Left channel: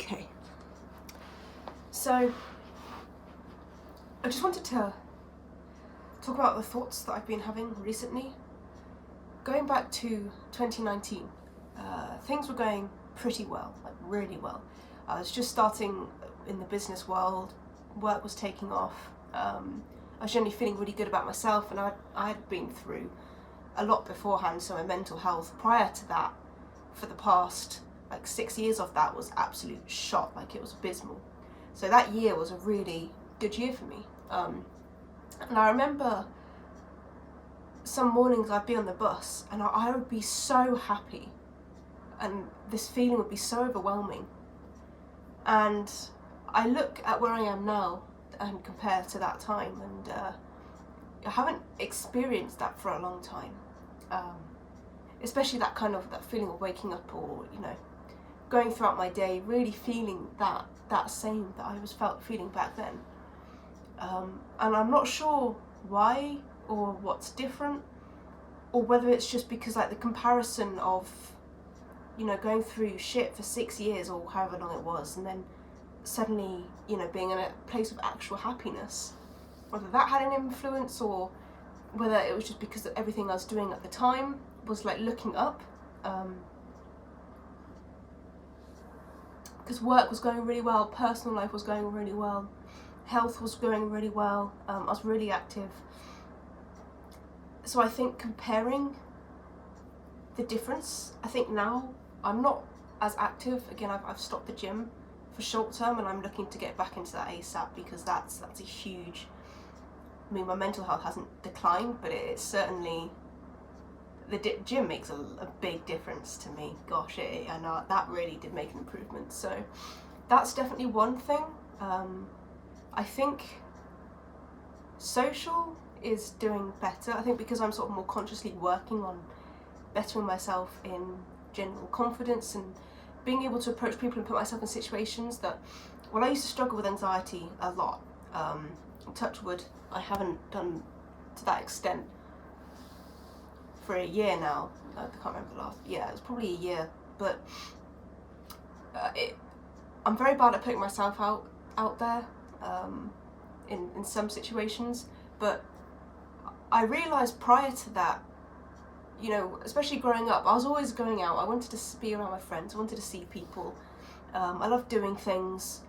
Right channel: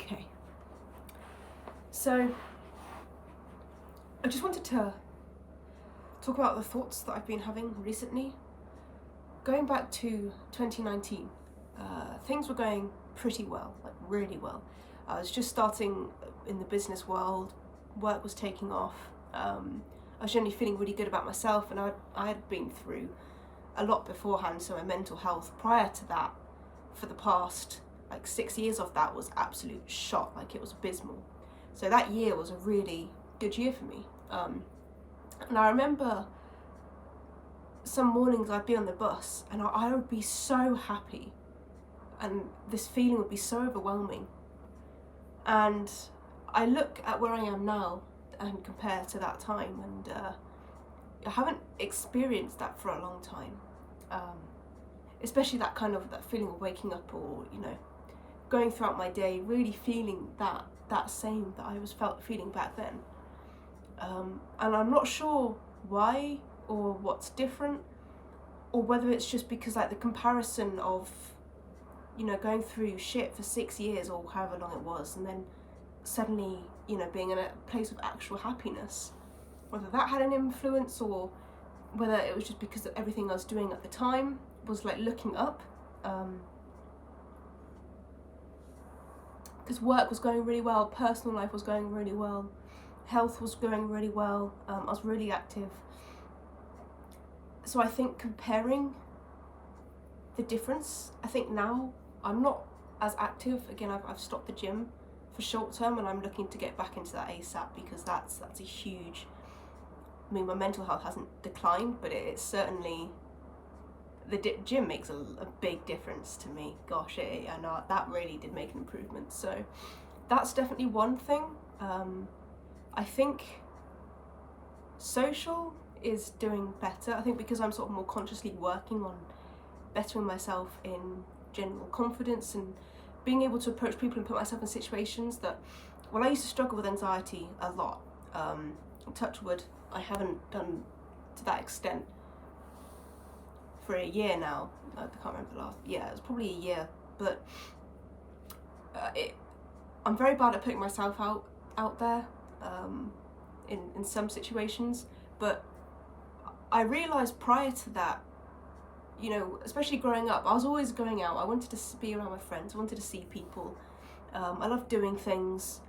Okay. So, I just wanted to talk about the thoughts that I've been having recently. Going back to 2019, things were going pretty well, like really well. I was just starting in the business world, work was taking off. I was generally feeling really good about myself, and I had been through a lot beforehand, so my mental health prior to that, for the past like 6 years of that, was absolute shot, like it was abysmal. So that year was a really good year for me. And I remember some mornings I'd be on the bus and I would be so happy, and this feeling would be so overwhelming. And I look at where I am now and compare to that time, and I haven't experienced that for a long time. Especially that feeling of waking up, or going throughout my day really feeling that same that I was feeling back then. And I'm not sure why or what's different, or whether it's just because like the comparison of going through shit for 6 years or however long it was, and then suddenly being in a place of actual happiness, whether that had an influence, or whether it was just because of everything I was doing at the time was like looking up, because work was going really well, personal life was going really well, health was going really well, I was really active. So I think comparing the difference, I think now I'm not as active. Again, I've stopped the gym for short term, and I'm looking to get back into that ASAP, because that's a huge, my mental health hasn't declined, but it's certainly, the gym makes a big difference to me. Gosh, and that really did make an improvement. So that's definitely one thing. I think social is doing better. I think because I'm sort of more consciously working on bettering myself in general confidence, and being able to approach people and put myself in situations that, well, I used to struggle with anxiety a lot. Touch wood, I haven't done to that extent for a year now. I can't remember the last, it was probably a year, but I'm very bad at putting myself out there in some situations. But I realised prior to that, especially growing up, I was always going out. I wanted to be around my friends, I wanted to see people. I loved doing things,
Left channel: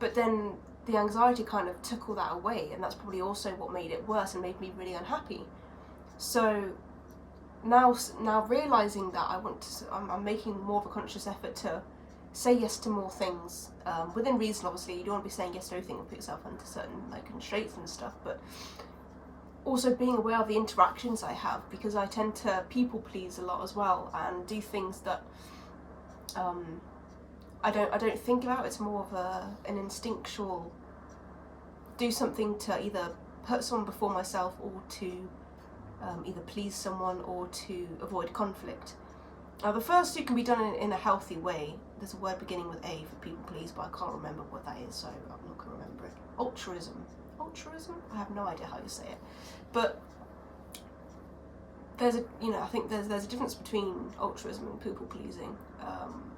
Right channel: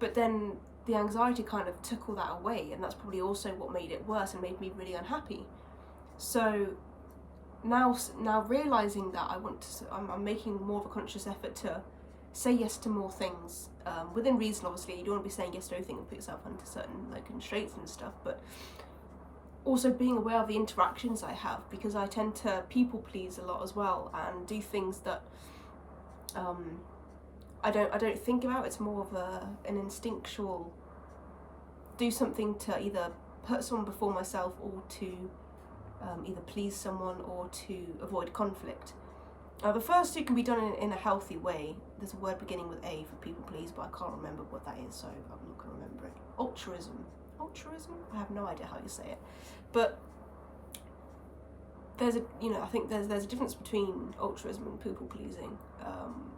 but then the anxiety kind of took all that away, and that's probably also what made it worse and made me really unhappy. So now realising that I'm making more of a conscious effort to say yes to more things, within reason. Obviously, you don't want to be saying yes to everything and put yourself under certain constraints and stuff, but also being aware of the interactions I have, because I tend to people please a lot as well, and do things that I don't think about. It's more of an instinctual, do something to either put someone before myself, or to either please someone or to avoid conflict. The first two can be done in a healthy way. There's a word beginning with A for people please, but I can't remember what that is, so I'm not going to remember it. Altruism? I have no idea how you say it. But there's I think there's a difference between altruism and people pleasing,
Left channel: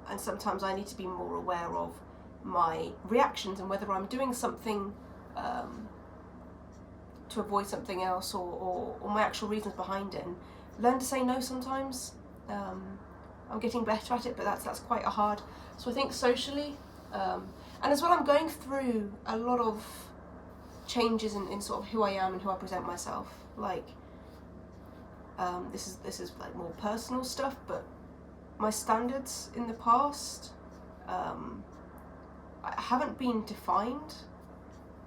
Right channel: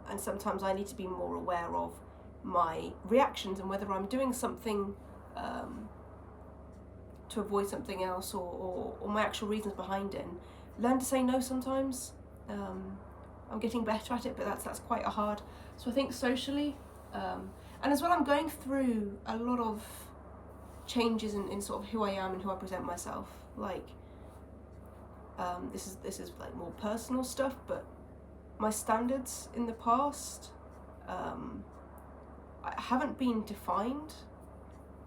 and sometimes I need to be more aware of my reactions and whether I'm doing something to avoid something else, or my actual reasons behind it, and learn to say no sometimes. I'm getting better at it, but that's quite hard. So I think socially, and as well, I'm going through a lot of changes in sort of who I am and who I present myself. This is like more personal stuff, but my standards in the past haven't been defined,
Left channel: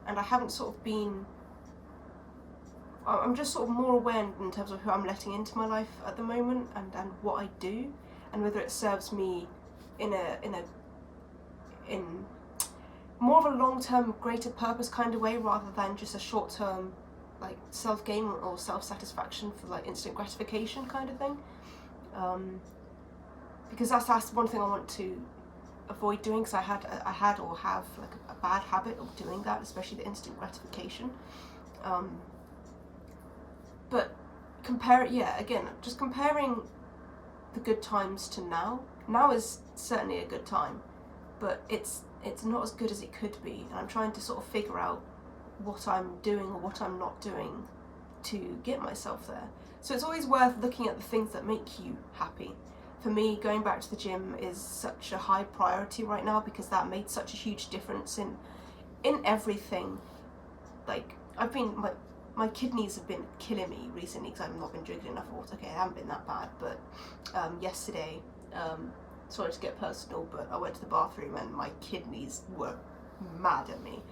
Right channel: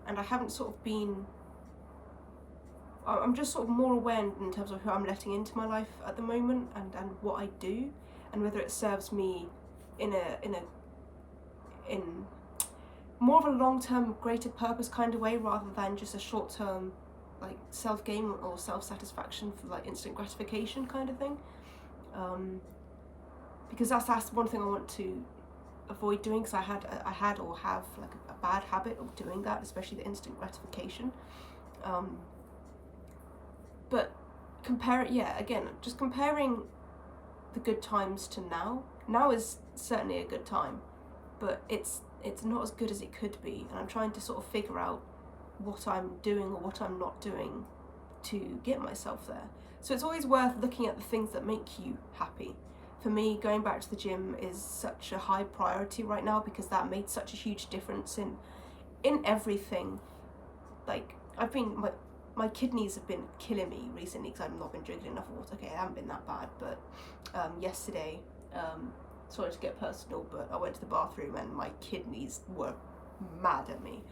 and I haven't sort of been. I'm just sort of more aware in terms of who I'm letting into my life at the moment, and what I do, and whether it serves me in more of a long-term, greater purpose kind of way, rather than just a short-term self-gain or self-satisfaction for instant gratification kind of thing. Because that's one thing I want to avoid doing, because I had or have a bad habit of doing that, especially the instant gratification. But just comparing the good times to now. Now is certainly a good time. but it's not as good as it could be, and I'm trying to sort of figure out what I'm doing or what I'm not doing to get myself there. So it's always worth looking at the things that make you happy. For me, going back to the gym is such a high priority right now because that made such a huge difference in everything. Like, my kidneys have been killing me recently because I've not been drinking enough water. Okay, I haven't been that bad, but yesterday, sorry to get personal, but I went to the bathroom and my kidneys were mad at me.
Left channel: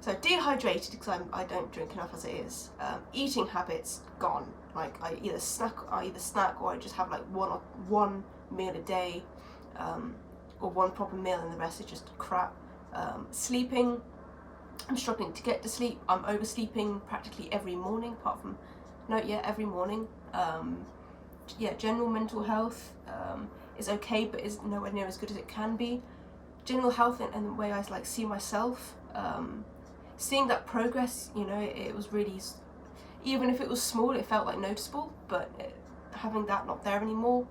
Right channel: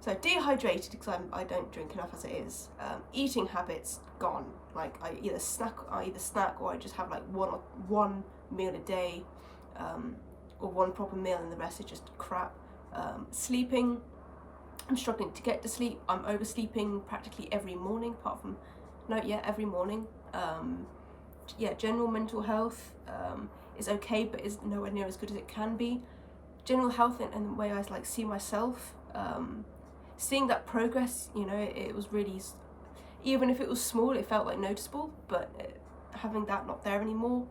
So dehydrated because I don't drink enough as it is. Eating habits gone. Like I either snack or I just have like one meal a day, or one proper meal, and the rest is just crap. Sleeping, I'm struggling to get to sleep. I'm oversleeping practically every morning, apart from every morning. General mental health is okay, but is nowhere near as good as it can be. General health and the way I like see myself. Seeing that progress, it was really, even if it was small, it felt like noticeable, but having that not there anymore,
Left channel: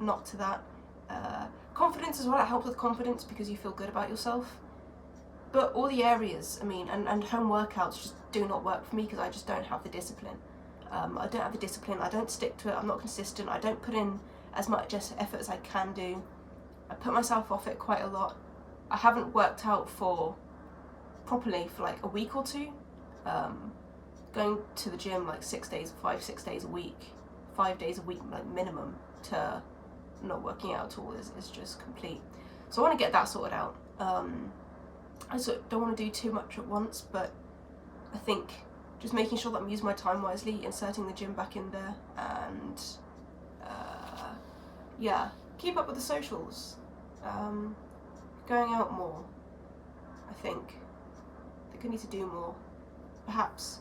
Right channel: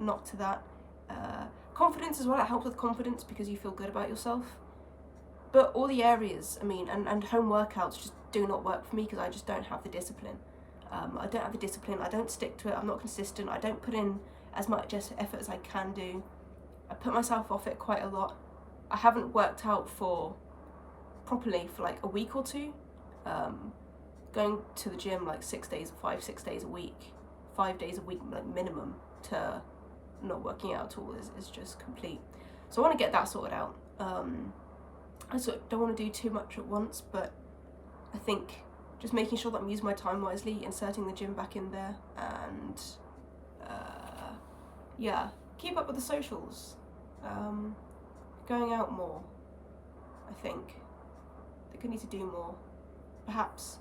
not to that. Confidence as well, it helps with confidence because you feel good about yourself. But all the areas, and home workouts just do not work for me because I just don't have the discipline. I don't have the discipline, I don't stick to it, I'm not consistent, I don't put in as much effort as I can do. I put myself off it quite a lot. I haven't worked out properly for like a week or two. Going to the gym like 6 days a week, 5 days a week like minimum, to not working out at all is just complete. So I want to get that sorted out. I sort of don't want to do too much at once, but I think just making sure that I'm using my time wisely, inserting the gym back in there, and keep up with the socials. Going out more, I think I need to do more. Perhaps,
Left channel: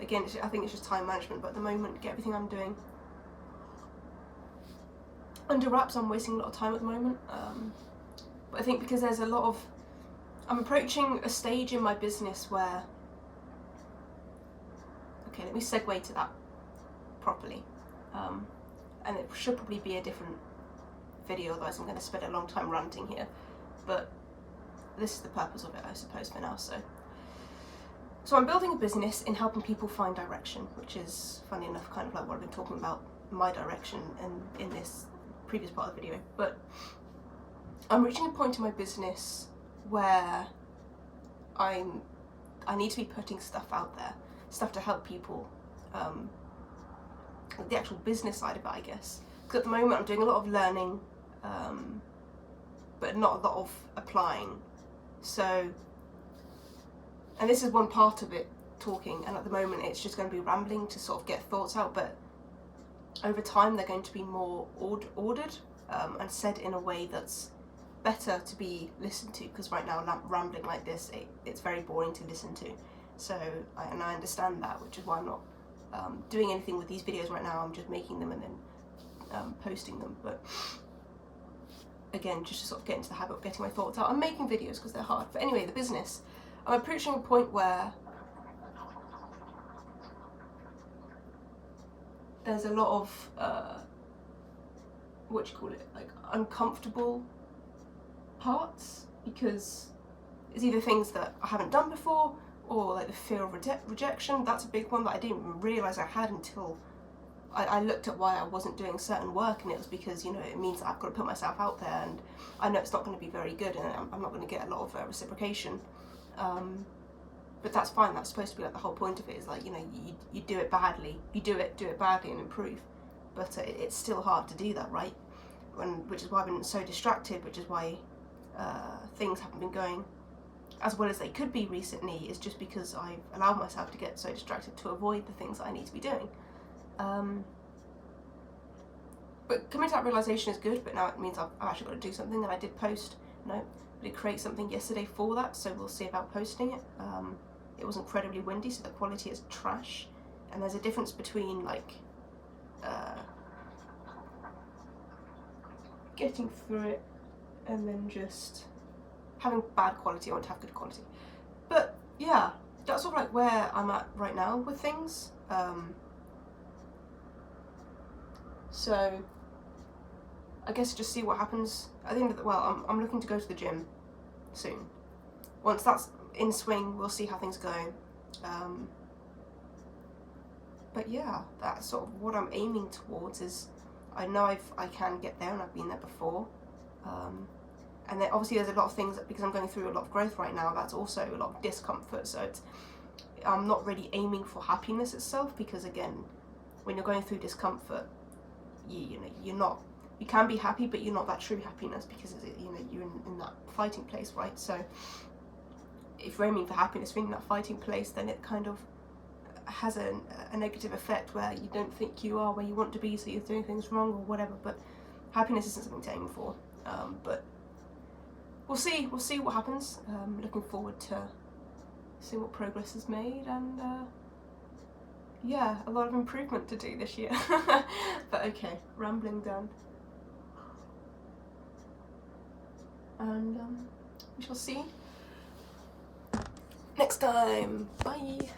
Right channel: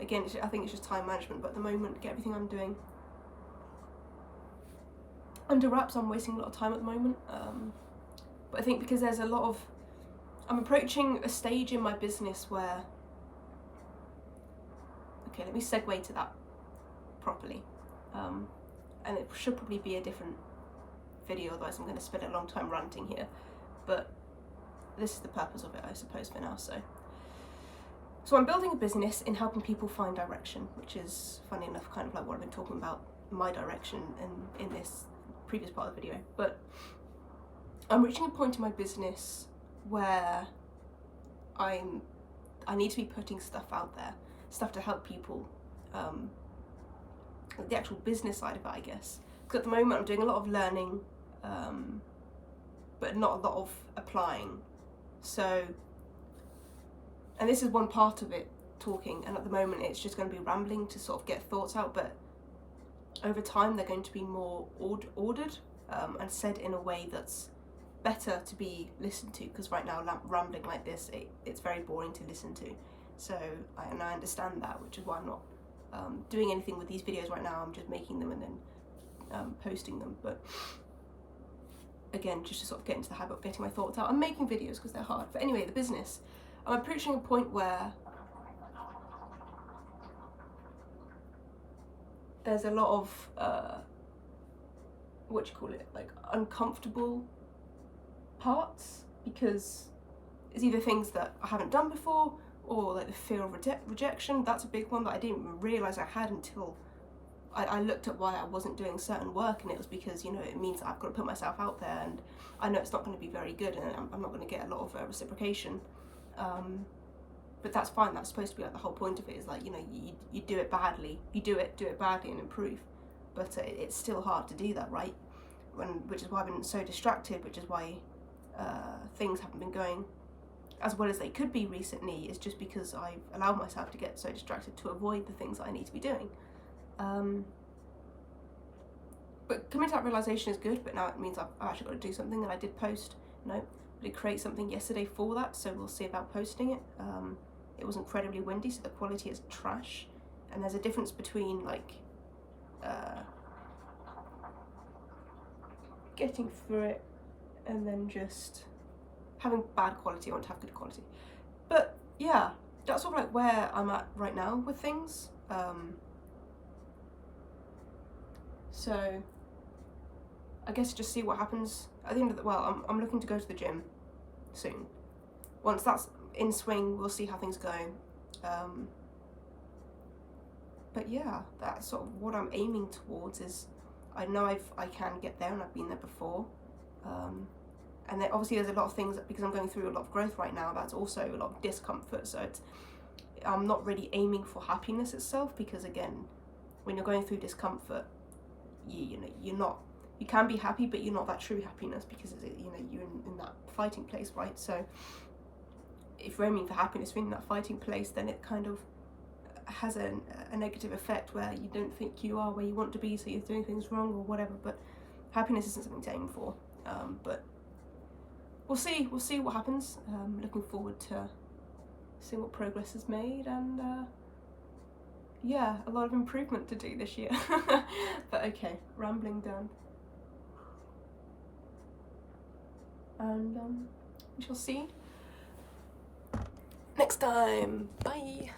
again, I think it's just time management, but at the moment, get everything I'm doing under wraps. I'm wasting a lot of time at the moment, but I think because there's I'm approaching a stage in my business where, okay, let me segue to that properly, and it should probably be a different video, otherwise I'm going to spend a long time ranting here, but this is the purpose of it, I suppose, for now. So I'm building a business in helping people find direction, which is, funny enough, kind of like what I've been talking about, my direction in this previous part of the video. But I'm reaching a point in my business where I need to be putting stuff out there, stuff to help people, the actual business side of it, I guess. Because at the moment I'm doing a lot of learning, but not a lot of applying. So, and this is one part of it, talking, and at the moment it's just going to be rambling to sort of get thoughts out, but over time they're going to be more ordered and said in a way that's better to be listened to, because right now rambling like this, it's very boring to listen to. So, I understand that, which is why I'm not doing anything with these videos right now. I'm just making them and then posting them, but again, just to sort of get into the habit of getting my thoughts out. I'm making videos because they're hard. But anyway, the business. I'm approaching a point where there's a lot of, like uncomfortable parts, because it's either things that I haven't done before, or like the fear of rejection. That's a big one that I didn't even realise I had until I looked at why I wasn't doing certain work, and it was because, it means that I've got to put myself out there, and I know it's not going to be very good, and I'm not going to get a lot of reciprocation. But that's fine. That's supposed to be like the whole point of it, is like, you do it badly, you do it badly and improve. But it's still hard to do that, right? Which is why I've been so distracted, which is why things haven't been going as well as they could be recently, is just because I've allowed myself to get so distracted to avoid the things that I need to be doing. But coming to that realisation is good, but now it means I've actually got to do something, and I did post, I did create something yesterday for that, so we'll see about posting it. It was incredibly windy, so the quality is trash, and there's a difference between like getting through it and then just having bad quality. I want to have good quality. But yeah, that's sort of like where I'm at right now with things. So I guess just see what happens at the end of the, well, I'm looking to go to the gym soon. Once that's in swing, we'll see how things go. But yeah, that's sort of what I'm aiming towards. Is I know I can get there, and I've been there before. And then obviously there's a lot of things that, because I'm going through a lot of growth right now, that's also a lot of discomfort. So I'm not really aiming for happiness itself, because again, when you're going through discomfort, you can be happy, but you're not that true happiness, because you're in that fighting place, right? So if you're aiming for happiness in that fighting place, then it kind of has a negative effect where you don't think you are where you want to be, so you're doing things wrong or whatever. But happiness isn't something to aim for. But we'll see what happens. Looking forward to seeing what progress is made, and yeah, a lot of improvement to do this year. But okay, rambling done. And we shall see next time. Bye.